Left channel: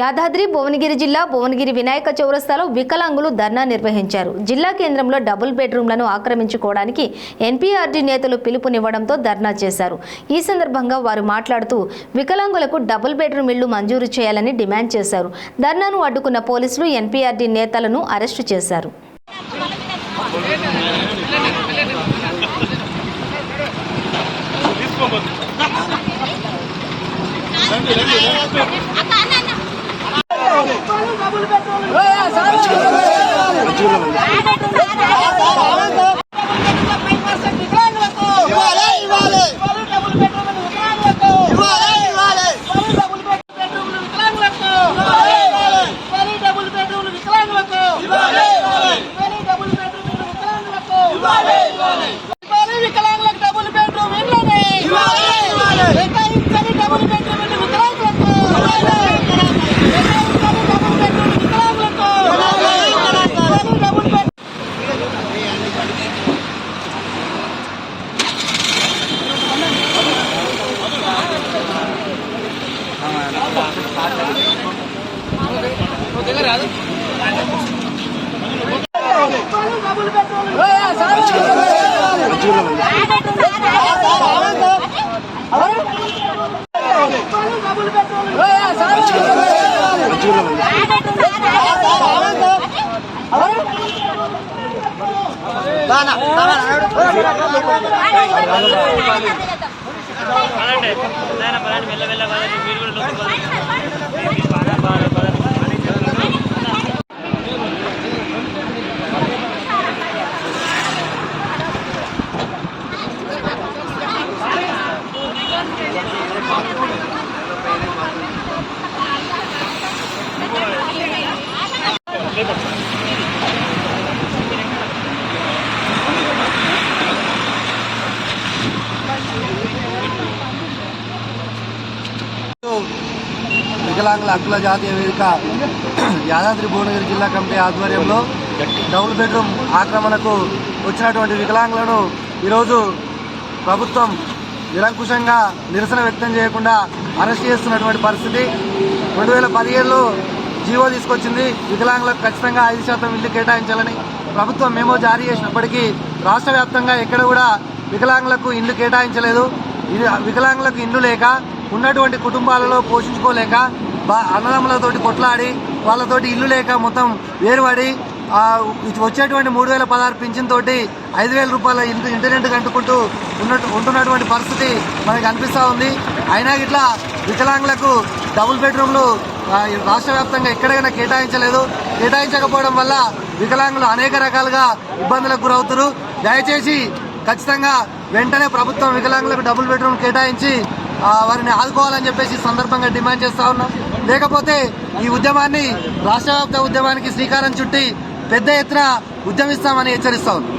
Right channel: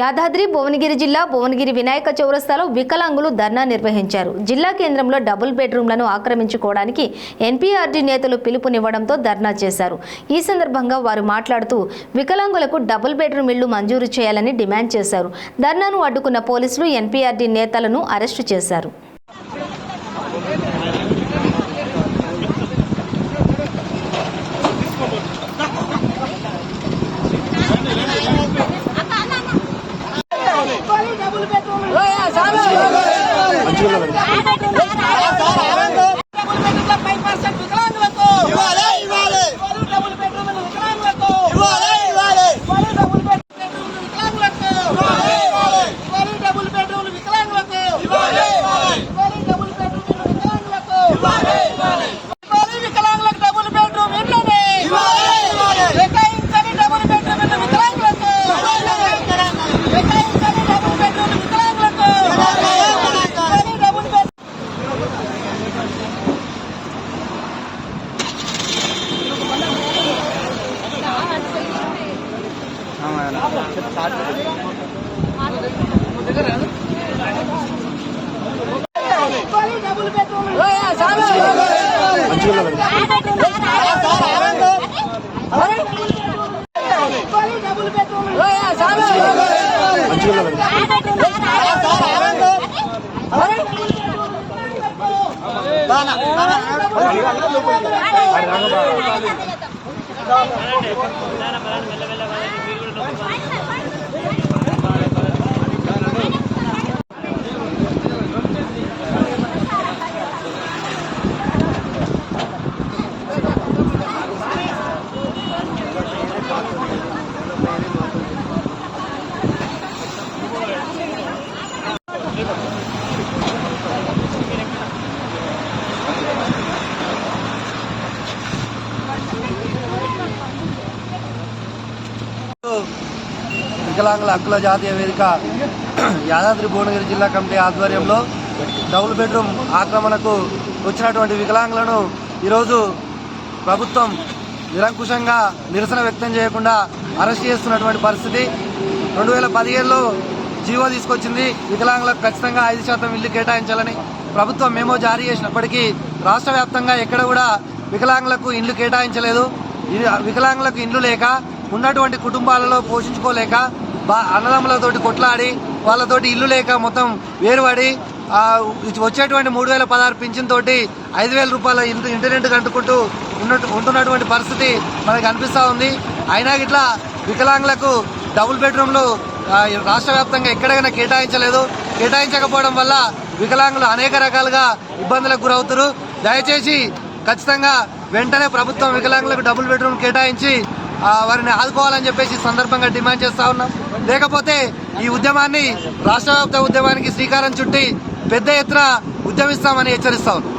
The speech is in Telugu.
యాదాద్రి భువనగిరి జిల్లా భువనగిరి వినాయక చౌరస్తాలో వికలాంగులు ధర్నా నిర్వహించారు. జిల్లా కేంద్రంలో డబుల్ బెడ్రూమ్లను ఆక్రమించుకోవడానికి ఎన్పీఆర్డీ నేతలు పిలుపునివ్వడంతో ధర్నా చేశారు. ఈ సందర్భంగా వారు మాట్లాడుతూ వికలాంగులకు డబుల్ బెడ్రూమ్ ఇళ్లు మంజూరు చేయాలని డిమాండ్ చేశారు. ధర్నాను అడ్డుకున్న పోలీసులు ఎన్పీఆర్డీ నేతలను అరెస్టు చేశారు. వికలాంగుల హక్కుల జాతీయ వేదిక యాదాద్రి భువనగిరి జిల్లా కమిటీ ఆధ్వర్యంలో డబుల్ బెడ్రూమ్ ఆక్రమణకు వచ్చినటువంటి వికలాంగులను ఈరోజు ప్రభుత్వం నిరంకుశంగా నిరసన వ్యక్తం చేయకుండా అరెస్ట్ చేస్తున్నటువంటి పరిస్థితి. 2017లో జీవో తీసుకొచ్చింది. వికలాంగులకు ఖచ్చితంగా 5% ఇల్లు కేటాయించాలని ప్రభుత్వం మెమో జారీ చేసినప్పటికీ రాష్ట్ర వ్యాప్తంగా ఎక్కడ కూడా వికలాంగులకు ఇల్లు కేటాయించలేదు. వికలాంగులకు ఇల్లు లేక ఉన్నటువంటి కుటుంబాలలో పోషించుకోలేక అన్నదమ్ములతోటి కొట్లాడి వాళ్ళతోటి ఇల్లు లేక మొత్తం వేరుపడి వచ్చేటువంటి 3016 పింఛన్ తోటి 5000 రూపాయల ఇంటర్నెట్ కంటుకుంటూ ఉంటున్నటువంటి పరిస్థితి మనకు అనిపిస్తూ ఉంది. అయినా ఇట్లా వికలాంగులకు డబుల్ బెడ్రూమ్లు రాష్ట్ర వ్యాప్తంగా ఎక్కడైనా కేటాయించకపోవడం వల్ల వికలాంగులు అనేక రకాలుగా ఇబ్బందులకు గురవుతారు. దయచేసి ఖచ్చితంగా వెంటనే ప్రభుత్వం వికలాంగులకు డబుల్ బెడ్రూమ్ కేటాయించి వారిని ఆదుకోవాలని చెప్పేసి సందర్భంగా డిమాండ్ చేస్తా ఉన్నాం. లేకపోతే ఈ ఉద్యమాన్ని రాష్ట్ర వ్యాప్త ఉద్యమానికి శ్రీకారం చుట్టి పెద్ద ఎత్తున ఉద్యమిస్తామని హెచ్చరిస్తా ఉన్నాం.